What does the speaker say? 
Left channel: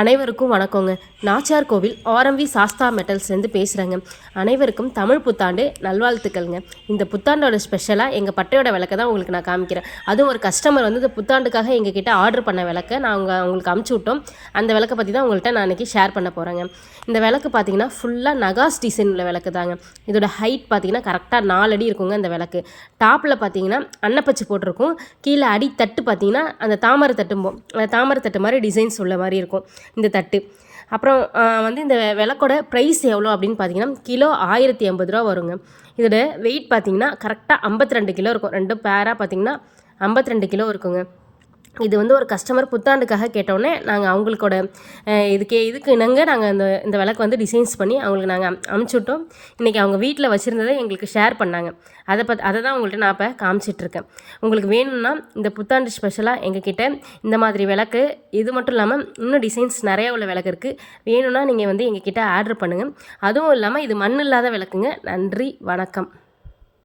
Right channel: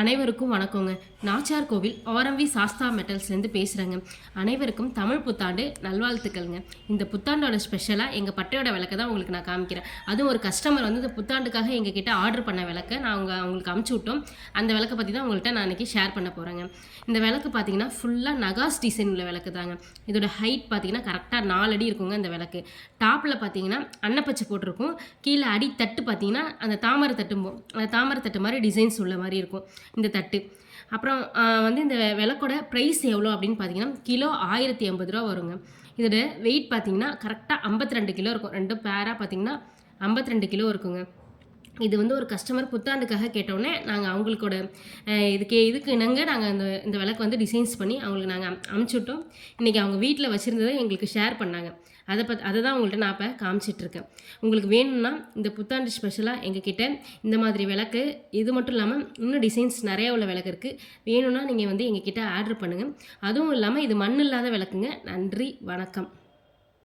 அனைவருக்கும் வணக்கங்க. நாச்சியார் கோவில் ஆர்எம்வி சாஸ்தா மெட்டல்ஸ்லேருந்து பேசுகிறேங்க. அனைவருக்கும் தமிழ் புத்தாண்டு நல்வாழ்த்துக்கள்ங்க. இந்த புத்தாண்டோட ஸ்பெஷலாக எங்கள் பட்டையோட விளக்கை தான் உங்களுக்கு நான் காமிக்கிறேன். அதுவும் ஒரு கஸ்டமர் வந்து இந்த புத்தாண்டுக்காக எங்ககிட்ட ஆர்டர் பண்ண விளக்கை நாங்கள் உங்களுக்கு அமுச்சு விட்டோம். அந்த விளக்கை பற்றி தான் உங்கள்கிட்ட நான் இன்றைக்கி ஷேர் பண்ண போகிறேங்க. இந்த விளக்கு பார்த்தீங்கன்னா ஃபுல்லாக நகாஸ் டிசைன் உள்ள விளக்கு தாங்க. இதோட ஹைட் பார்த்தீங்கன்னா கரெக்டாக 4 அடி இருக்குங்க. இந்த விளக்கு டாப்பில் பார்த்தீங்கன்னா அன்னப்பச்சு போட்டிருக்கும். கீழே அடி தட்டு பார்த்தீங்கன்னா அந்த தாமரை தட்டு மாதிரி டிசைன்ஸ் உள்ள மாதிரி இருக்கும் இந்த தட்டு. அப்புறம் வந்து இந்த விளக்கோட ப்ரைஸ் எவ்வளோ அப்படின்னு பார்த்தீங்கன்னா கிலோ 1080 ரூபா வருங்க. இதோட வெயிட் பார்த்தீங்கன்னா கரெக்டாக 52 கிலோ இருக்கும். 2 பேராக பார்த்தீங்கன்னா 52 கிலோ இருக்குங்க. இது வந்து ஒரு கஸ்டமர் புத்தாண்டுக்காக கேட்டோடனே நாங்கள் அவங்களுக்கோட இதுக்கு நாங்கள் இந்த விளக்கு வந்து டிசைன்ஸ் பண்ணி அவங்களுக்கு நாங்கள் அனுப்பிச்சுட்டோம். இன்றைக்கி அவங்க வீட்டில் வச்சுருந்ததை எங்களுக்கு ஷேர் பண்ணாங்க. அதை தான் உங்கள்கிட்ட நான் இப்போ காமிச்சிட்ருக்கேன். உங்களுக்கு வேணும்னா இந்த புத்தாண்டு ஸ்பெஷலாக எங்ககிட்ட இந்த மாதிரி விளக்கு இது மட்டும் இல்லாமல் இன்னும் டிசைன்ஸ் நிறையா உள்ள விளக்கு இருக்குது. வேணும்னா நீங்கள் வந்து எங்ககிட்ட ஆர்டர் பண்ணுங்கள். அதுவும் இல்லாமல் இது மண் இல்லாத விளக்குங்க. நன்றி, வணக்கம்.